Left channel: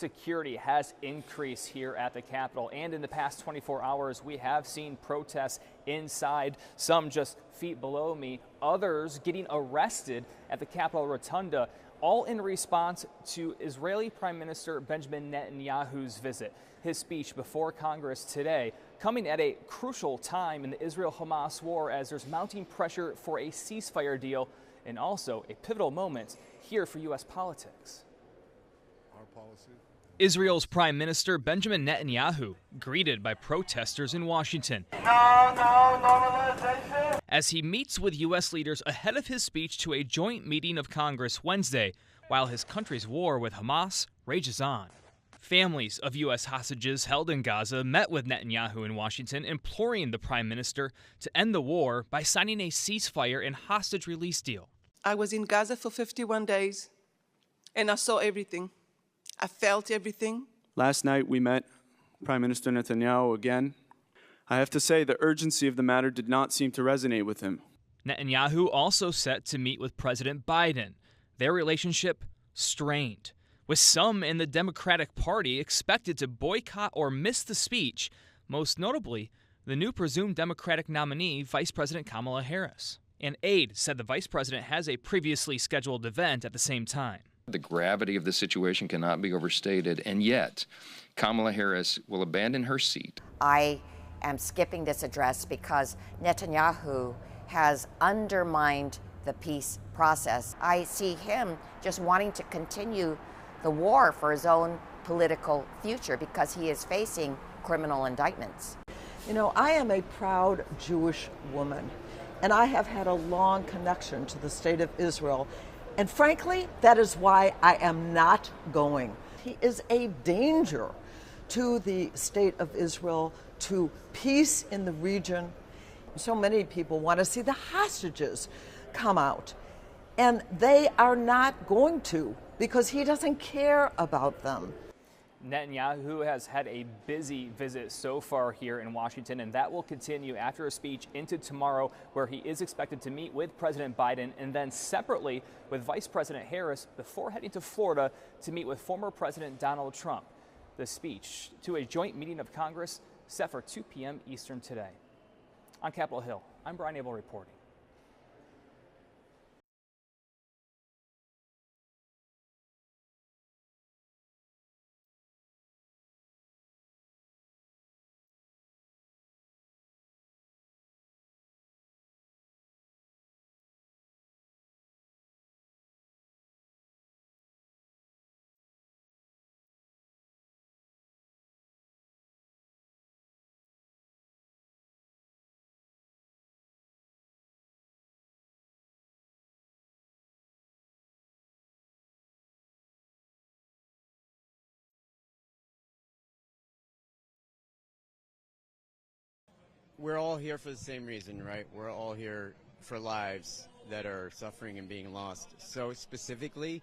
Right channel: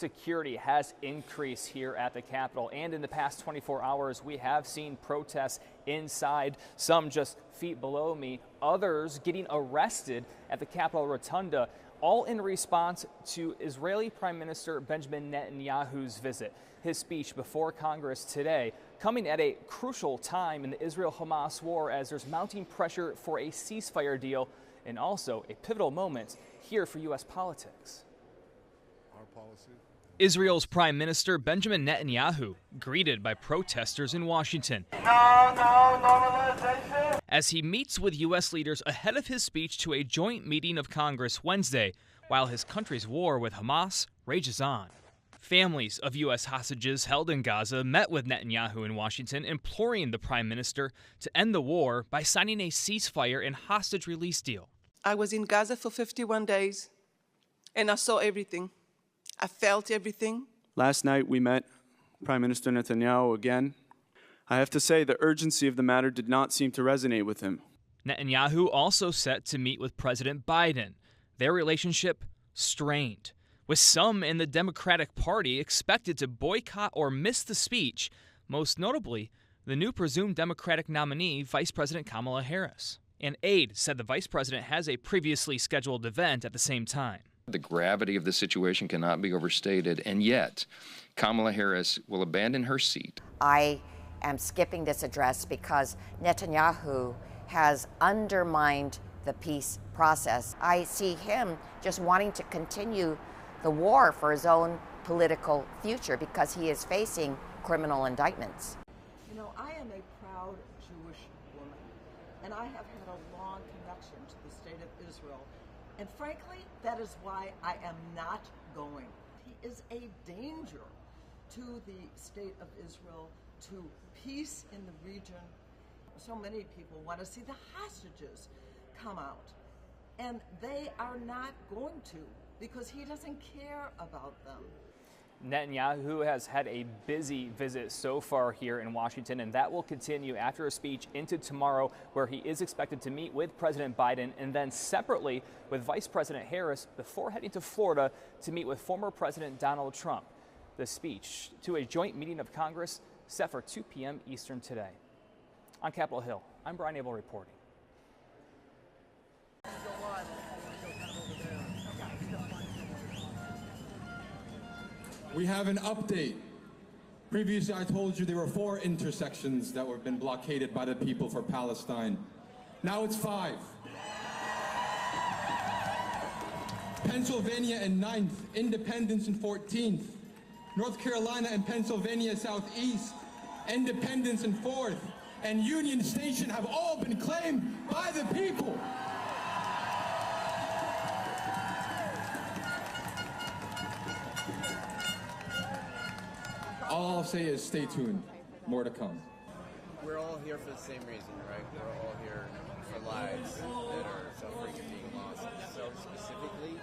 security has increased here at the Capitol. And in the past 24 hours, we have seen protests inside, some just feet below me, others getting arrested at the Capitol Rotunda, all in response to Israeli Prime Minister Benjamin Netanyahu's visit. His speech before Congress today coming at a crucial time in the Israel-Hamas war as there's mounting pressure for a ceasefire deal and also a pivotal moment here for U.S. politics. Israel's Prime Minister Benjamin Netanyahu greeted by protesters in Washington as he meets with U.S. leaders ahead of his speech to a joint meeting of Congress Wednesday, while his country's war with Hamas rages on. Families of U.S. hostages held in Gaza met with Netanyahu in Washington, imploring the Prime Minister to end the war by signing a ceasefire and hostage release deal. I was in Gaza for 51 days, and I saw everything. I felt everything. Last night we met Prime Minister Netanyahu again. I have to say the urgency of the matter did not seem to resonate with him. Netanyahu also set to meet with President Biden. Their relationship strained, with some in the Democratic Party expected to boycott or miss the speech, most notably the new presumed Democratic nominee, Vice President Kamala Harris. An aide said the vice president has a previously scheduled event at the same time. The gravity of the situation cannot be overstated, and yet Kamala Harris will abandon her seat. I am skipping this address because Netanyahu has undermined the peace process. I see him just wanting to continue the war for his own political future because he is facing criminal indictments. You know, I am a proud Jewish woman, and I have had a long connection to the state of Israel. And frankly, that is why I am not going. He is a danger to the state of Israel, to peace in the region. So many people want to see the hostages come out, and they are not going to because he doesn't care about them. Netanyahu has had a busy visit so far here in Washington, and that will continue after a speech into tomorrow, where he is expected to meet with President Biden and then separately with Vice President Harris before heading to Florida to meet with former President Donald Trump. The speech to a joint meeting of Congress set for 2 p.m. Eastern today. On Capitol Hill, I'm Brian Abel reporting. We have an update. Previously, I told you there were 4 intersections that have been blockaded by the people for Palestine. Now it's 5. Pennsylvania and 9th, Independence and 14th. North Carolina and Pennsylvania Southeast, Independence and 4th, and Union Station have all been claimed by the people. All I'll say is stay tuned. More to come. We're all here for the same reason, right? We're all here for lives that are suffering and being lost. So specifically,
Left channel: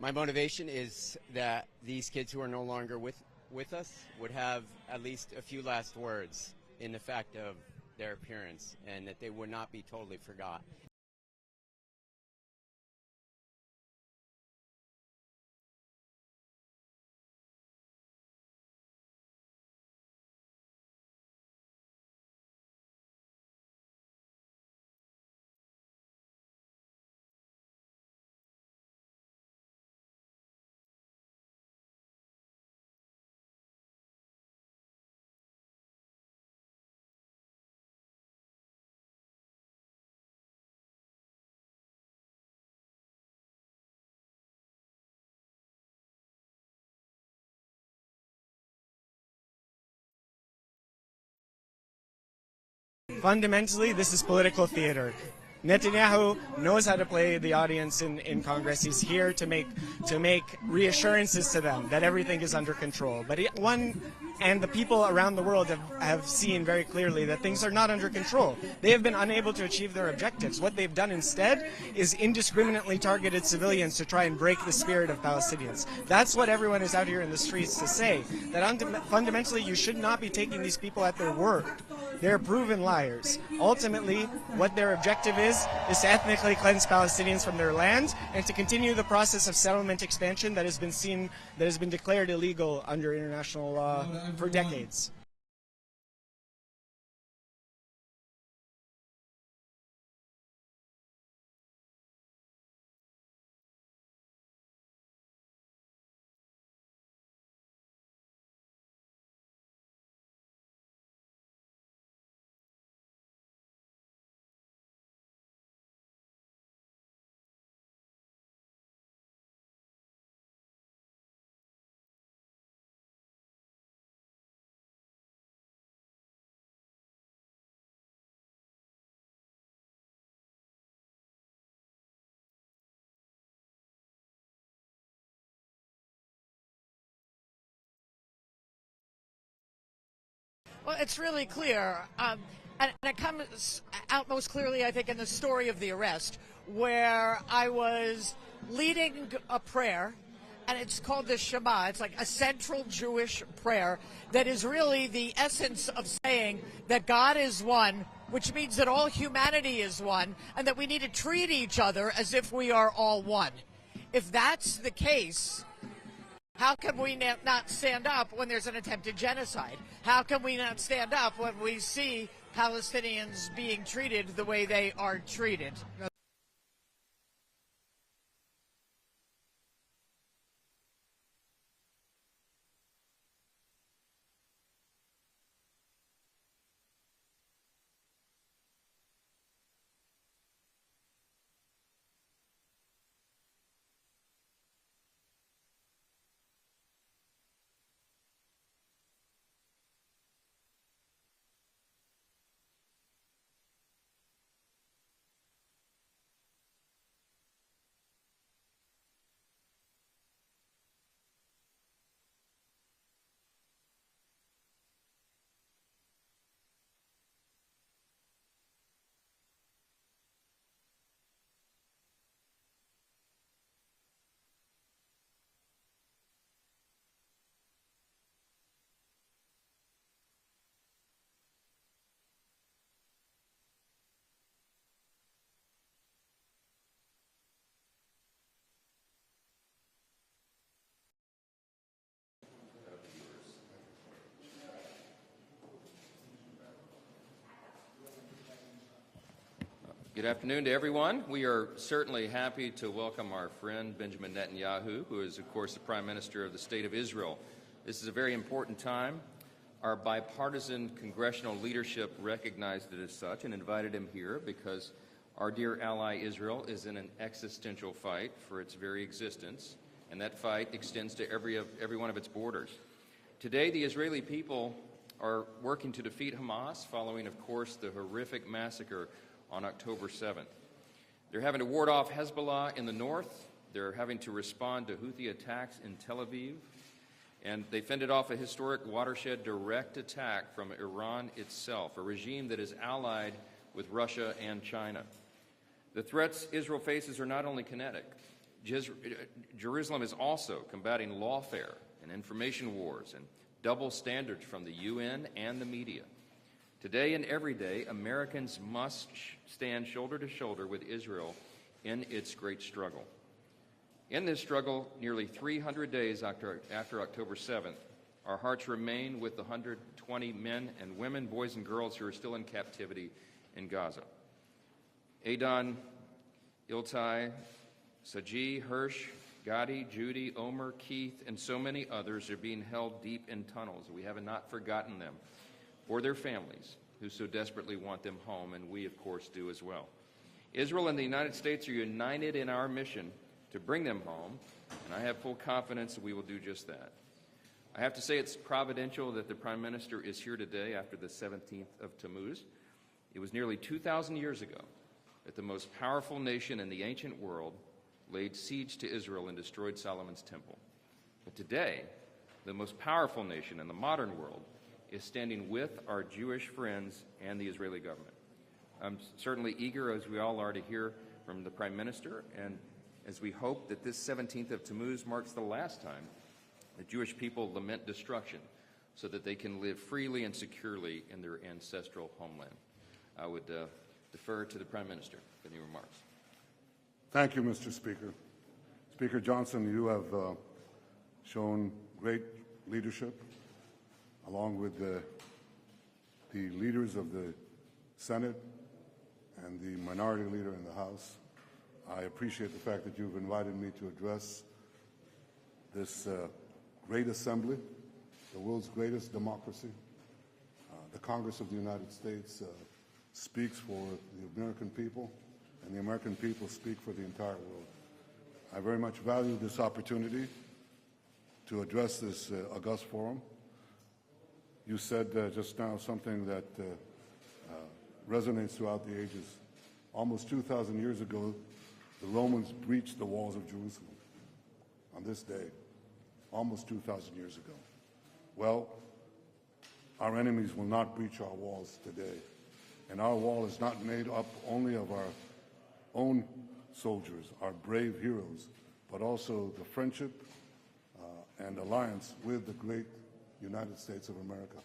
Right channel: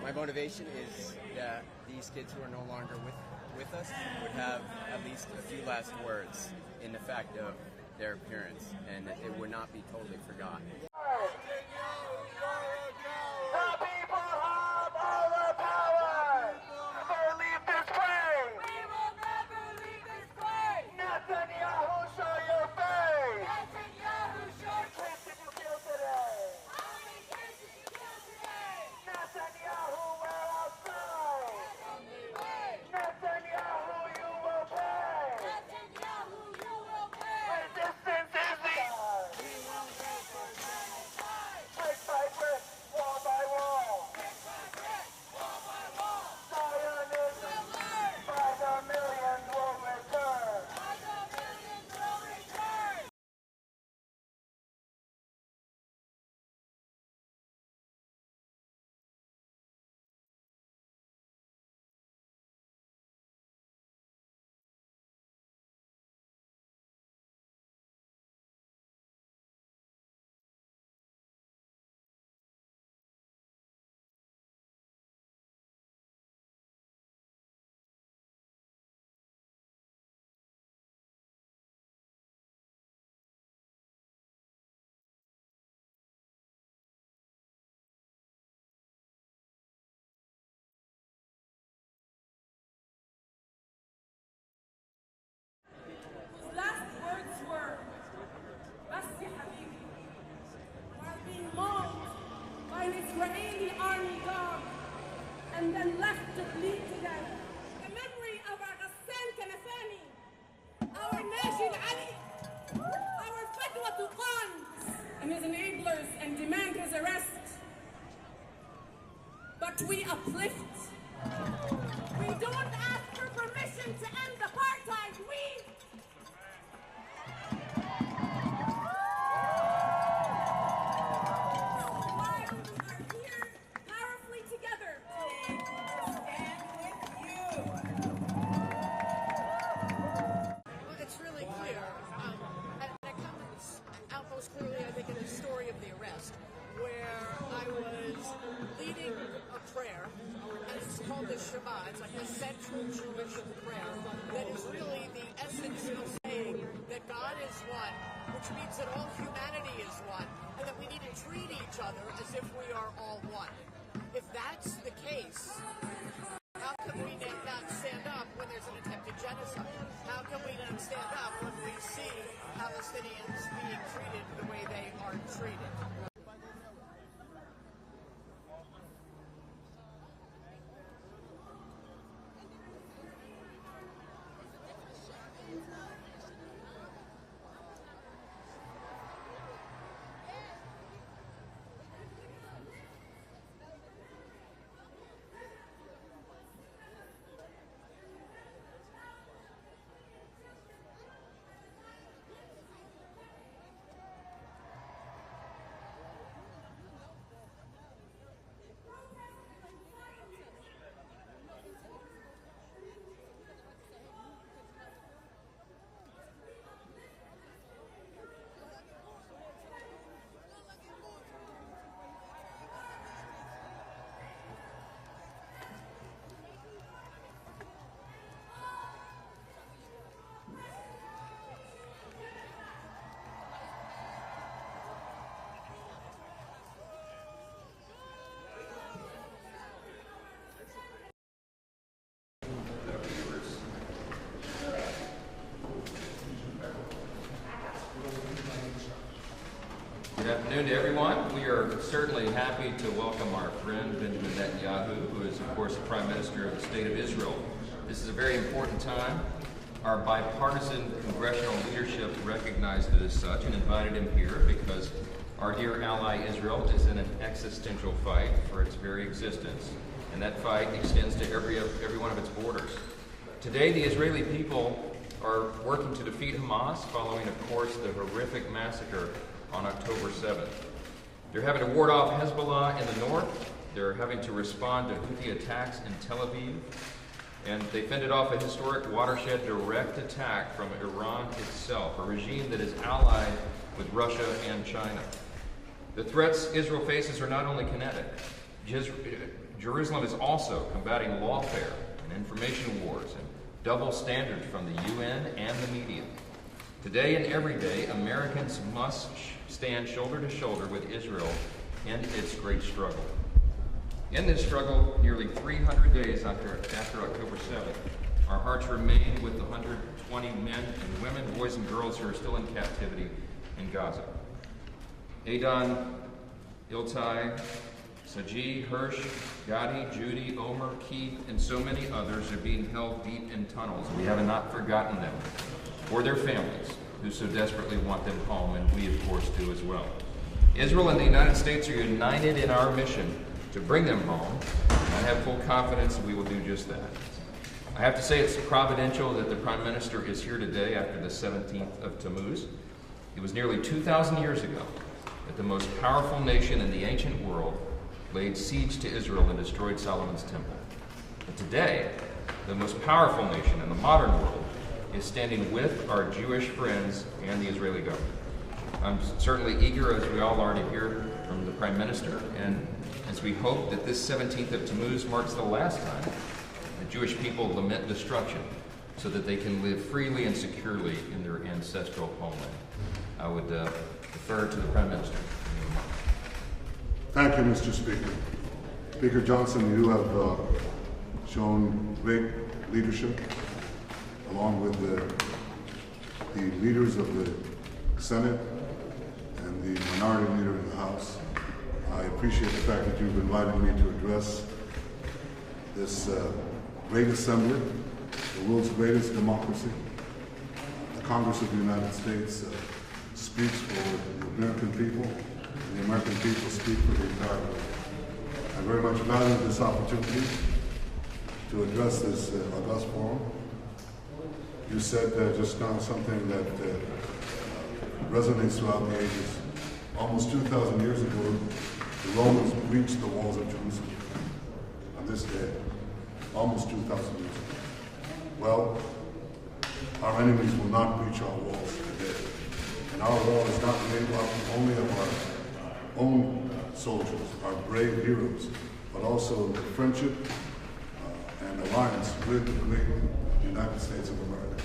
my motivation is that these kids who are no longer with us would have at least a few last words in the fact of their appearance, and that they would not be totally forgotten. Fundamentally, this is political theater. Netanyahu knows how to play the audience in Congress. He's here to make reassurances to them that everything is under control. But and the people around the world have seen very clearly that things are not under control. They have been unable to achieve their objectives. What they've done instead is indiscriminately targeted civilians to try and break the spirit of Palestinians. That's what everyone is out here in the streets to say, that fundamentally you should not be taking these people at their word. They're proven liars. Ultimately, what their objective is to ethnically cleanse Palestinians from their land and to continue the process of settlement expansion that has been declared illegal under international law for decades. And then left to bleed to death. The memory of our Ghassan Kanafani, our Najid Ali, our Fatwa Tuqan, and his enablers, and demand his arrest. But we uplift. We don't ask for permission to end apartheid. It's really clear, and it comes out most clearly, I think, in the story of the arrest, where I was leading a prayer, and it's called the Shema. It's like a central Jewish prayer that is really the essence of saying that God is one, which means that all humanity is one, and that we need to treat each other as if we are all one. If that's the case, how can we not stand up when there's an attempted genocide? How can we not stand up when we see Palestinians being treated the way they are treated? Good afternoon to everyone. We are certainly happy to welcome our friend Benjamin Netanyahu, who is, of course, the Prime Minister of the State of Israel. This is a very important time. Our bipartisan congressional leadership recognized it as such and invited him here because our dear ally Israel is in an existential fight for its very existence, and that fight extends to every one of its borders. Today, the Israeli people are working to defeat Hamas following, of course, the horrific massacre on October 7th. They're having to ward off Hezbollah in the north. They're having to respond to Houthi attacks in Tel Aviv. And they fended off a historic watershed direct attack from Iran itself, a regime that is allied with Russia and China. The threats Israel faces are not only kinetic. Jerusalem is also combating lawfare and information wars and double standards from the UN and the media. Today and every day, Americans must stand shoulder to shoulder with Israel in its great struggle. In this struggle, nearly 300 days after October 7th, our hearts remain with the 120 men and women, boys and girls who are still in captivity in Gaza. Adon, Iltai, Saji, Hirsch, Gadi, Judy, Omer, Keith, and so many others are being held deep in tunnels. We have not forgotten them, or their families, who so desperately want them home, and we, of course, do as well. Israel and the United States are united in our mission to bring them home, and I have full confidence that we will do just that. I have to say it's providential that the Prime Minister is here today after the 17th of Tammuz. It was nearly 2,000 years ago that the most powerful nation in the ancient world laid siege to Israel and destroyed Solomon's temple. And today, the most powerful nation in the modern world is standing with our Jewish friends and the Israeli government. I'm certainly eager, as we all are, to hear from the Prime Minister, and as we hope that this 17th of Tammuz marks the last time the Jewish people lament destruction so that they can live freely and securely in their ancestral homeland. I would defer to the Prime Minister. Thank you, Mr. Speaker. Speaker Johnson, you have shown great leadership along with the leaders of the Senate and the minority leader in the House. I appreciate the fact that you've invited me to address this great assembly, the world's greatest democracy. The Congress of the United States speaks for the American people, and the American people speak for the entire world. I very much value this opportunity to address this august forum. You said just now something that resonates throughout the ages. Almost 2,000 years ago, the Romans breached the walls of Jerusalem on this day, almost 2,000 years ago. Well, our enemies will not breach our walls today. And our wall is not made up only of our own soldiers, our brave heroes, but also the friendship and alliance with the great United States of America.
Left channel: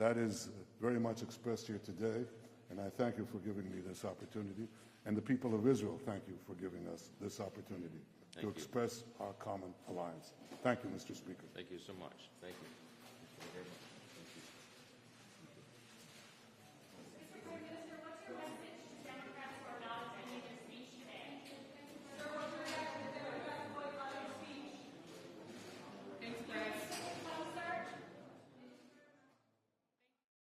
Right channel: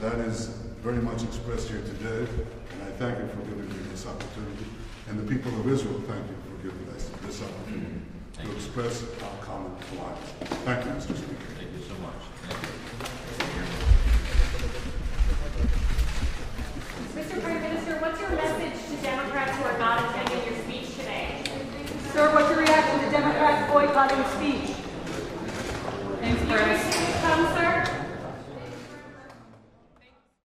That is very much expressed here today, and I thank you for giving me this opportunity. And the people of Israel, thank you for giving us this opportunity to express our common alliance. Thank you, Mr. Speaker. Thank you so much.